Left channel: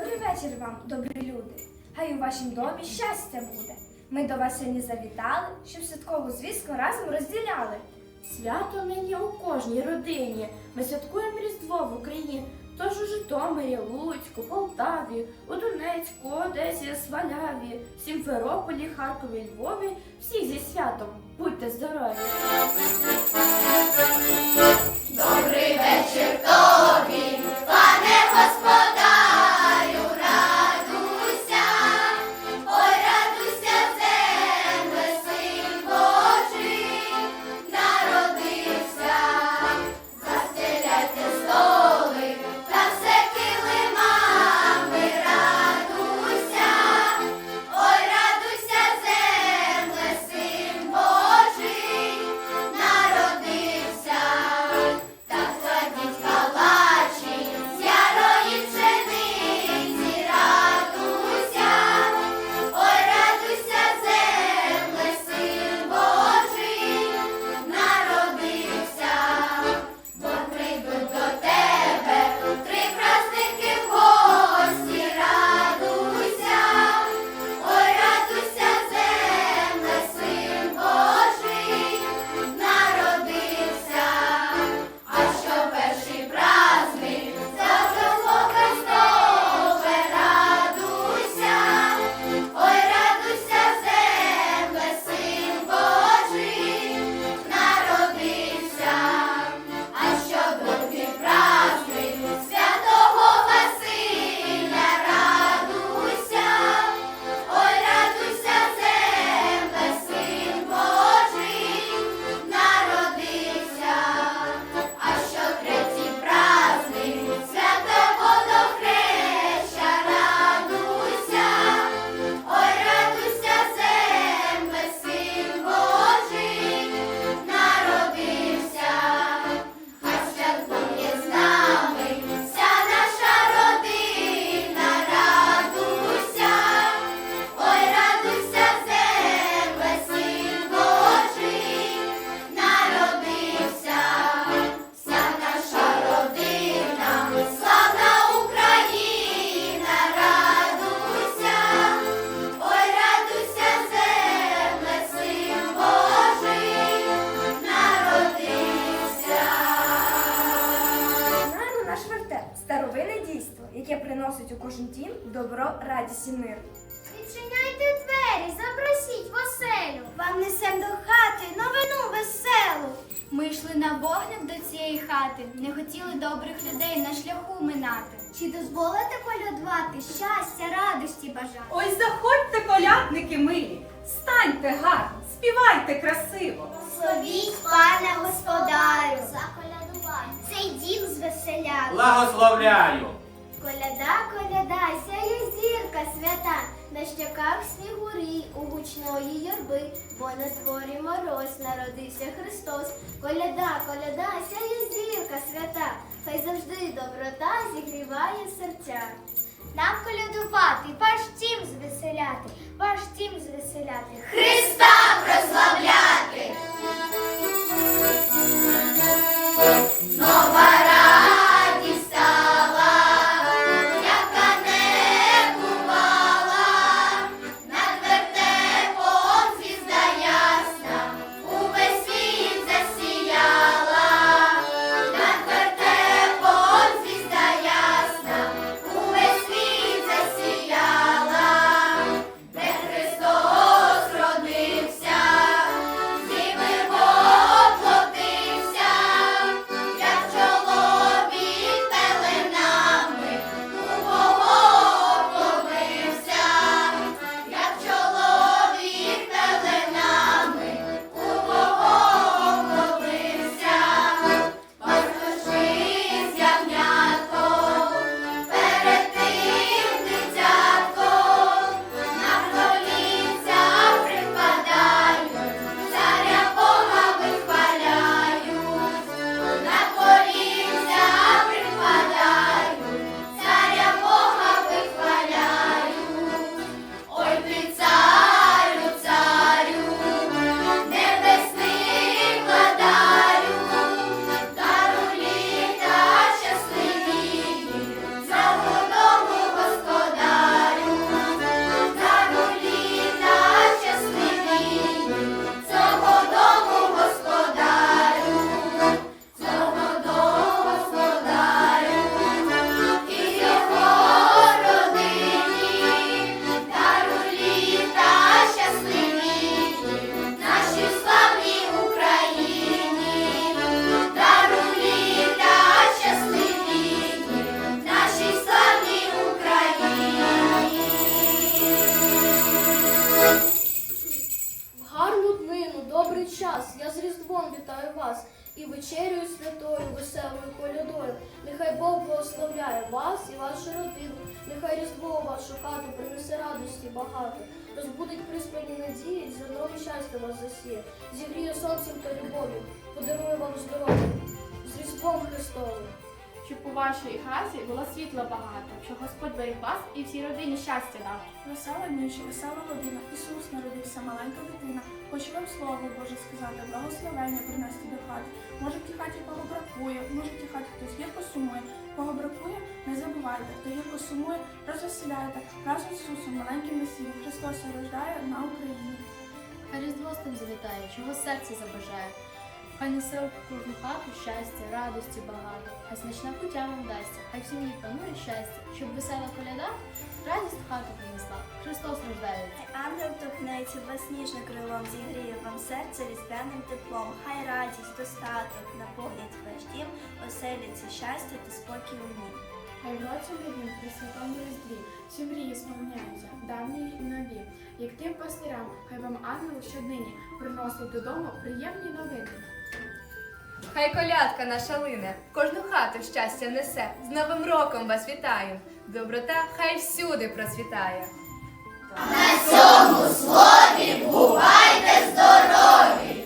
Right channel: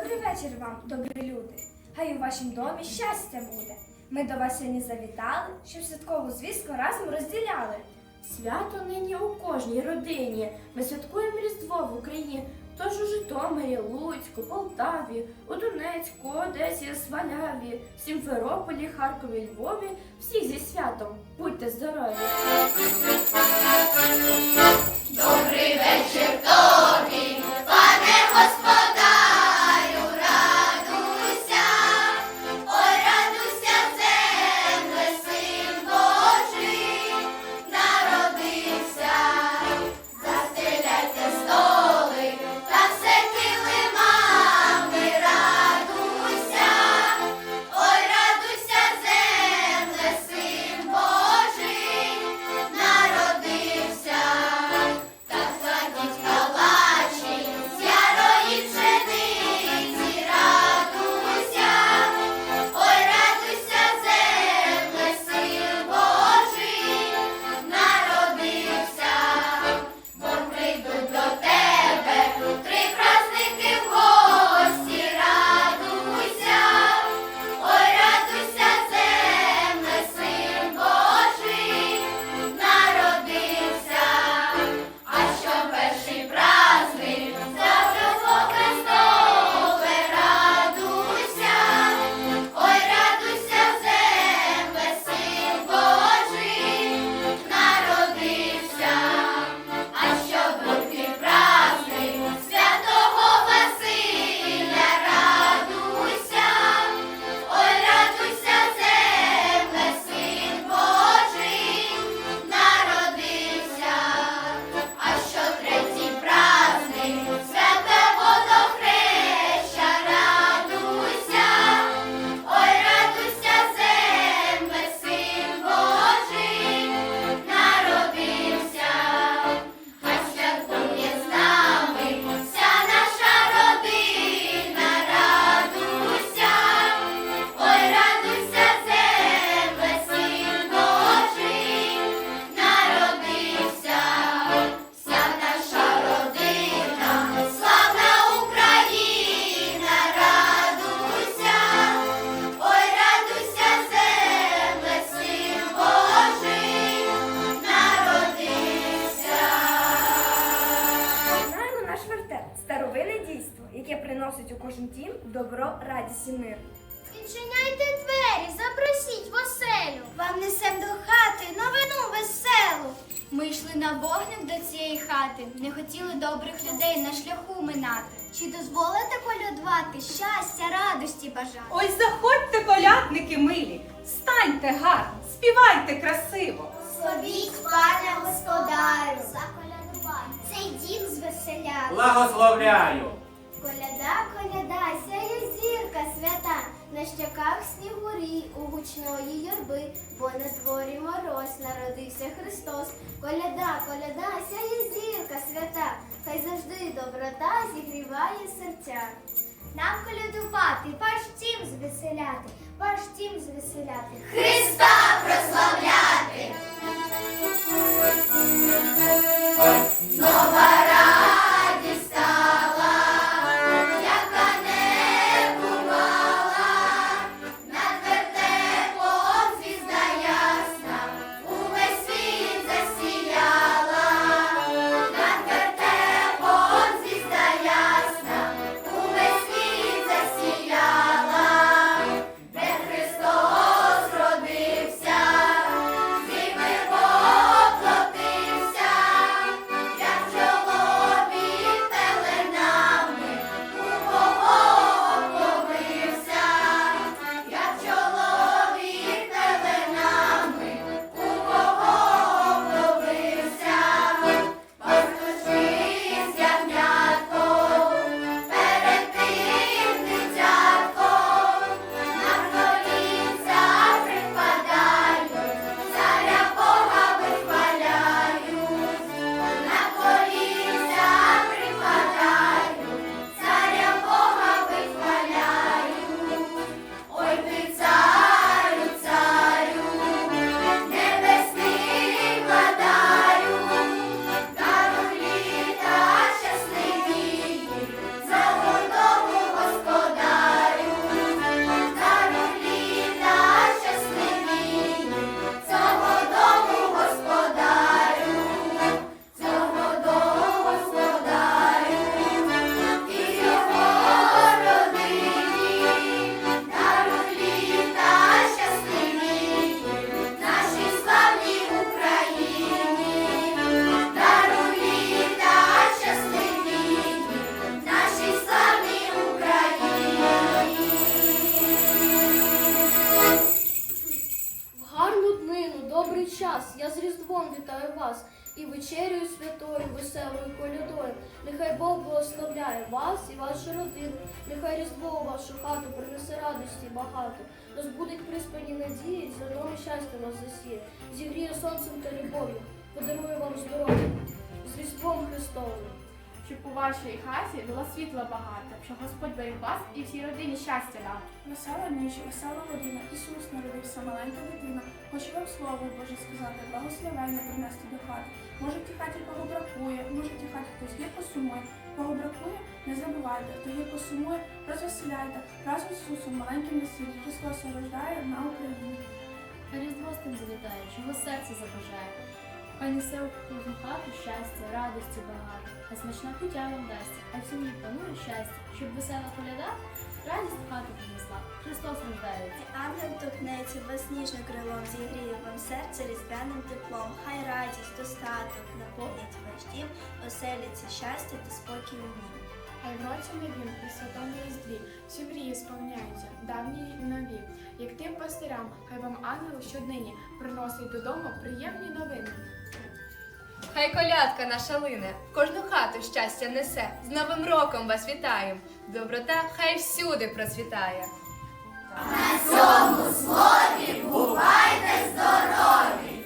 Добрий вечір вам, добрі люди. Хай у вашім домі щастя буде. Ми до вас сьогодні завітали, щоб святкову звістку разом розділяли. Свято нині у кожній родині. Ми святкуємо Різдво в Україні. Тож у Житомирі, Луцьку, Полтаві, у Донецьку, Одесі, Сваляві, Сімферополі, Харкові, Львові. Всіх зі святом. Будьте здорові! Яке приносить у кожен дім добро, радість і мир. Відчиняйте двері, запросіть в оселю. Вам несем до хати новину веселу. Ми йшли на вогник до цієї хати, не хотіли добрих людей на шляху минати. Чи дозволите колядувати щастя, радості бажати? Ой, заходьте, колядники милі, станьте гарно, співайте красиво. Словіть, пане господарю, заколядувати. Цей дім звеселяти. Благословляю! Коляда, коляда, сяє зірка свята, на щоках снігурі, у гучної юрби, бо на дворі мороз народився Христос. Коляда, коляда, сяє зірка свята, хай завжди доброта зігріває серця. Нам колядувати, ваш тім звеселяти, ваш тім звеселяти. Христа Різдвом вітаю вас і вечерю святою, веселою колядою. Нехай Бог благословляє вас і вашу родину. Нехай Різдво у вашу хату принесе радості багато. Розбудить приспані надії, зерном щастя вас засіє. Зігріє сонцем та любов'ю, подарує вам здоров'я з Різдвом Христовим. Щоб у вашій хаті було світла багато, щоб Господь берег вас і всій родині щастя дав. Весела ніч, весела година, Ісус народився, маленька дитина. Хочу вам слово Боже сказати, благословення принести до хати. Може, в тій хаті кого бракує, може, в тій хаті хтось гірко сумує. Кого бракує, не забувайте, хто гірко сумує, розвеселяйте. Разом з Ісусом, маленьким весіллям, Христос рождає на Україні. Хай Різдво з тим завітає, чого серце забажає. Хай несе у кожну хату щастя, радості багато, хай смачна кутя вам дасться, хай в сім'ї панує щастя, щоб весела коляда радість в хату принесла. Христос рождається. Ангел торкнеться вас ніжно крилом, зігріє вам серце різдвяним теплом. Хай радість, достаток наповнять ваш дім, оселиться щастя та спокій у нім. Хай в році новім при святому різдві всі мрії сповняються, давні й нові. Як тим пастирам, хай вам ангел щоднині приносить додому приємні новини. Хай колядка наша лине, в кожну хату щастя несе. З Новим роком вас вітаєм. Доброта хай всюди процвітає. На цьому слові бувайте здорові!